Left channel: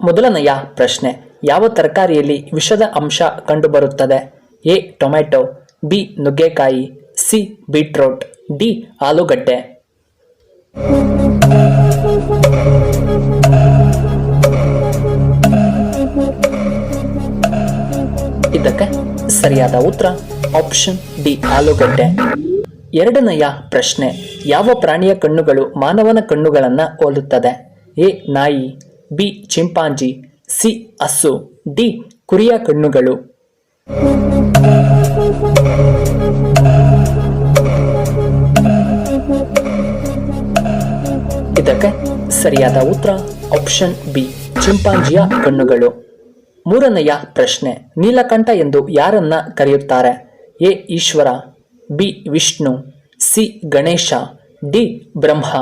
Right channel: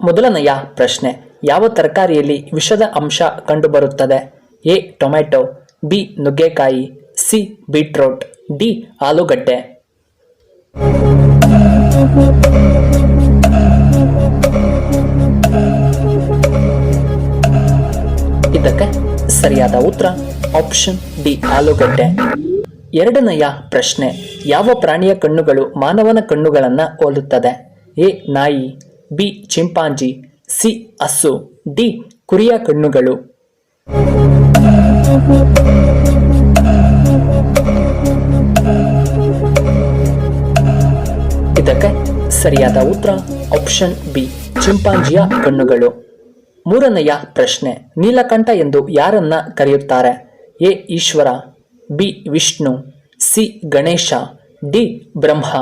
ಮೊದಲನೆಯ ಪ್ರಶ್ನೆ, ಯಾವ ತರಕಾರಿಯಲ್ಲಿ ವಿಷದ ಅಂಶ ಕಂಡುಬರುತ್ತದೆ? ಎ ಟೊಮೆಟೊ, ಬಿ ನುಗ್ಗೆಕಾಯಿ, ಸಿ ಬೀಟ್ರೋಟ್, ಡಿ ಆಲೂಗಡ್ಡೆ. ಇದಕ್ಕೆ ಸರಿಯಾದ ಉತ್ತರ ಆಪ್ಷನ್ ಡಿ ಆಲೂಗಡ್ಡೆ. ಎರಡನೆಯ ಪ್ರಶ್ನೆ, ಯಾವ ಪ್ರಾಣಿಯ ಕಣ್ಣುಗಳು ಮಾನವನ ಕಣ್ಣುಗಳನ್ನು ಹೋಲುತ್ತದೆ? ಎ ನಾಯಿ, ಬಿ ಚಿಂಪಾಂಜಿ, ಸಿ ಹಸು, ಡಿ ಕುರಿಯ ಕಣ್ಣುಗಳು. ಇದಕ್ಕೆ ಸರಿಯಾದ ಉತ್ತರ ಆಪ್ಷನ್ ಬಿ ಚಿಂಪಾಂಜಿಯ ಕಣ್ಣುಗಳು. ಮೂರನೆಯ ಪ್ರಶ್ನೆ, ನೀಲಕಂಠ ಎಂದು ಯಾರನ್ನ ಕರೆಯುತ್ತಾರೆ? A Eshwara, B Vishnu, C Ganesha, D Brahma.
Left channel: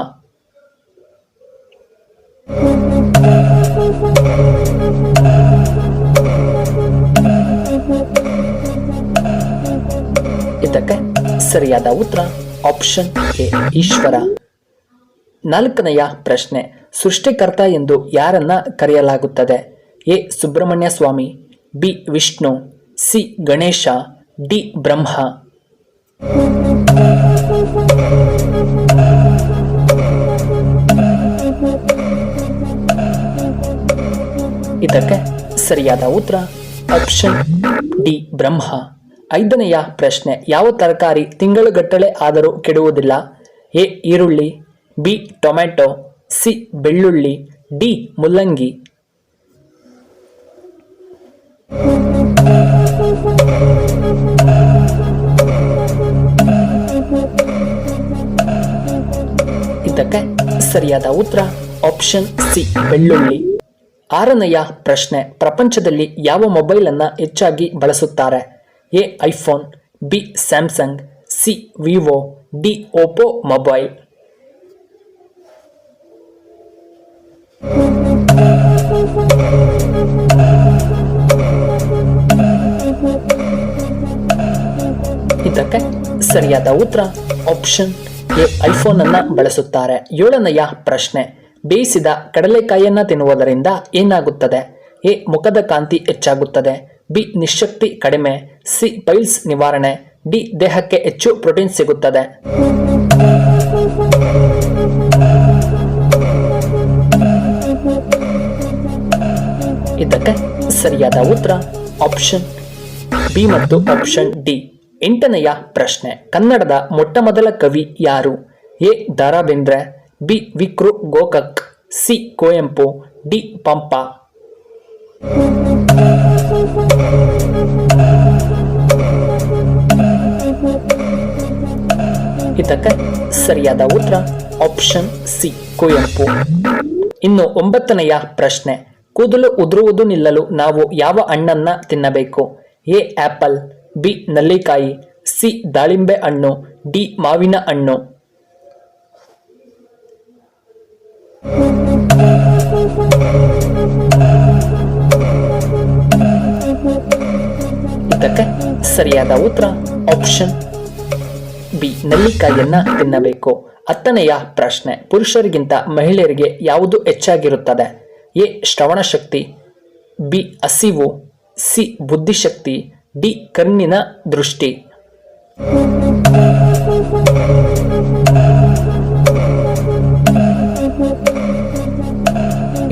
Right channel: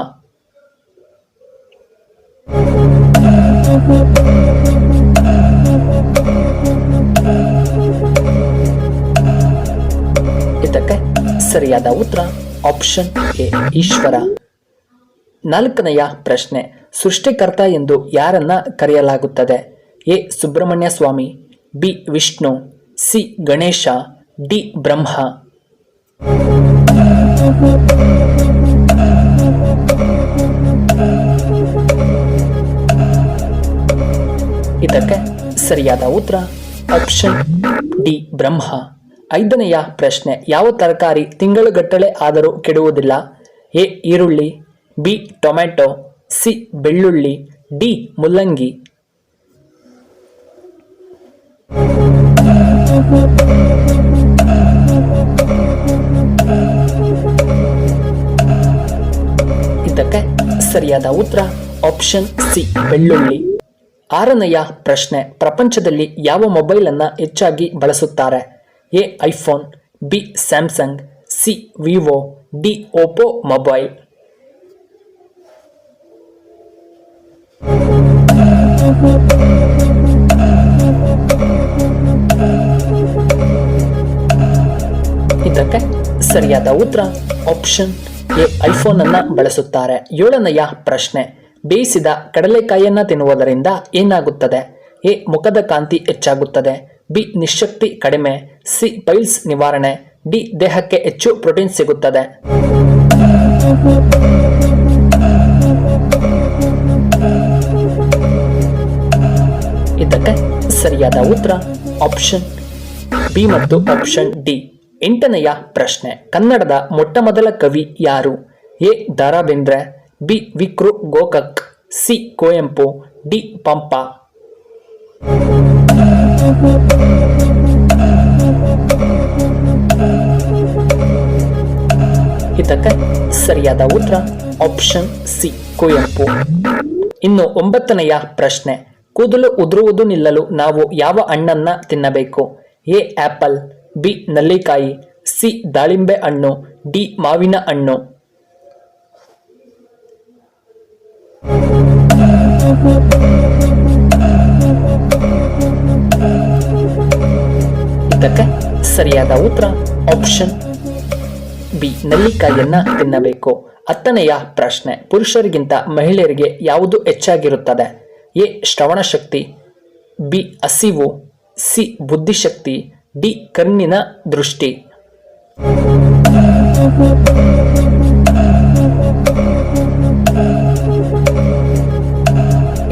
ಇದಕ್ಕೆ ಸರಿಯಾದ ಉತ್ತರ ಆಪ್ಷನ್ ಎ ಈಶ್ವರ. ನಾಲ್ಕನೆಯ ಪ್ರಶ್ನೆ, ಸೃಷ್ಟಿಕರ್ತ ಎಂದು ಯಾರನ್ನ ಕರೆಯಲಾಗುತ್ತದೆ? A Subrahmanya Swamy, B Vishnu, C Ganesha, D Brahma. ಇದಕ್ಕೆ ಸರಿಯಾದ ಉತ್ತರ ಆಪ್ಷನ್ ಡಿ ಬ್ರಹ್ಮ. ಐದನೆಯ ಪ್ರಶ್ನೆ, ಯಾವ ತರಕಾರಿ ತಿಂಗಳುಗಟ್ಟಲೆ ಆದರೂ ಕೆಡುವುದಿಲ್ಲ? ಎ ಈರುಳ್ಳಿ, ಬಿ ಟೊಮೆಟೊ, ಸಿ ಬೆಳ್ಳುಳ್ಳಿ, ಡಿ ಮುಲ್ಲಂಗಿ. ಇದಕ್ಕೆ ಸರಿಯಾದ ಉತ್ತರ ಆಪ್ಷನ್ ಸಿ ಬೆಳ್ಳುಳ್ಳಿ. ಆರನೆಯ ಪ್ರಶ್ನೆ, ಪ್ರಪಂಚದಲ್ಲಿ ಯಾವ ಮೊಬೈಲ್ ಅನ್ನ ಹೆಚ್ಚಾಗಿ ಬಳಸುತ್ತಾರೆ? A iPhone, B Samsung, C Vivo, D Oppo mobile. ಇದಕ್ಕೆ ಸರಿಯಾದ ಉತ್ತರ ಆಪ್ಷನ್ ಎ ಐಫೋನ್ ಅನ್ನ ಬಳಸುತ್ತಾರೆ. ಏಳನೆಯ ಪ್ರಶ್ನೆ, ಬೇಯಿಸಿದ ಕಡಲೆಕಾಯಿಯನ್ನ ತಿನ್ನುವುದರಿಂದ ಏನಾಗುತ್ತದೆ? ಎ ಮುಖದ ಕಾಂತಿ ಹೆಚ್ಚಾಗುತ್ತದೆ, ಬಿ ನಿಶಕ್ತಿ ಕಡಿಮೆ, ಸಿ ಪೈಲ್ಸ್ ನಿವಾರಣೆ, ಡಿ ದೇಹಕ್ಕೆ ಹೆಚ್ಚು ಪ್ರೋಟೀನ್ ಸಿಗುತ್ತದೆ. ಇದಕ್ಕೆ ಸರಿಯಾದ ಉತ್ತರ ಆಪ್ಷನ್ ಬಿ ಮತ್ತು ಆಪ್ಷನ್ ಡಿ. ಎಂಟನೆಯ ಪ್ರಶ್ನೆ, ಕನ್ನಡದ ಮೊಟ್ಟ ಮೊದಲ ಕವಿ ಯಾರು? A Da Ra Bendre, B Vikru Gokak, C Kuvempu, D Pampa. ಇದಕ್ಕೆ ಸರಿಯಾದ ಉತ್ತರ ಆಪ್ಷನ್ ಸಿ ಕುವೆಂಪು. ಇನ್ನು ಒಂಬತ್ತನೆಯ ಪ್ರಶ್ನೆ, ಕೂದಲು ಉದುರುವುದು ನಿಲ್ಲಲು ನಾವು ಯಾವ ಹಣ್ಣನ್ನ ತಿನ್ನಬೇಕು? ಎ ಆಪಲ್, ಬಿ ನಲ್ಲಿಕಾಯಿ, ಸಿ ದಾಳಿಂಬೆ ಹಣ್ಣು, ಡಿ ಮಾವಿನ ಹಣ್ಣು. ಇದಕ್ಕೆ ಸರಿಯಾದ ಉತ್ತರ ಆಪ್ಷನ್ ಬಿ ನಲ್ಲಿಕಾಯಿಯನ್ನ ತಿನ್ನಬೇಕು. ಹತ್ತನೆಯ ಪ್ರಶ್ನೆ, ಪುರುಷರಿಗಿಂತ ಮಹಿಳೆಯರಿಗೆ ಯಾವುದು ಹೆಚ್ಚಾಗಿರುತ್ತದೆ? ಎ ಶ್ರವಣ ಶಕ್ತಿ, ಬಿ ಹಸಿವು, ಸಿ ಬುದ್ಧಿಶಕ್ತಿ, ಡಿ ಕಣ್ಣಿನ ದೃಷ್ಟಿ.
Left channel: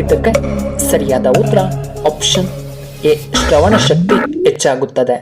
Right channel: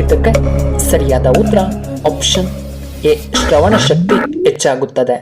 ಇದಕ್ಕೆ ಸರಿಯಾದ ಉತ್ತರ ಆಪ್ಷನ್ ಎ ಶ್ರವಣ ಶಕ್ತಿ ಹೆಚ್ಚಾಗುತ್ತದೆ.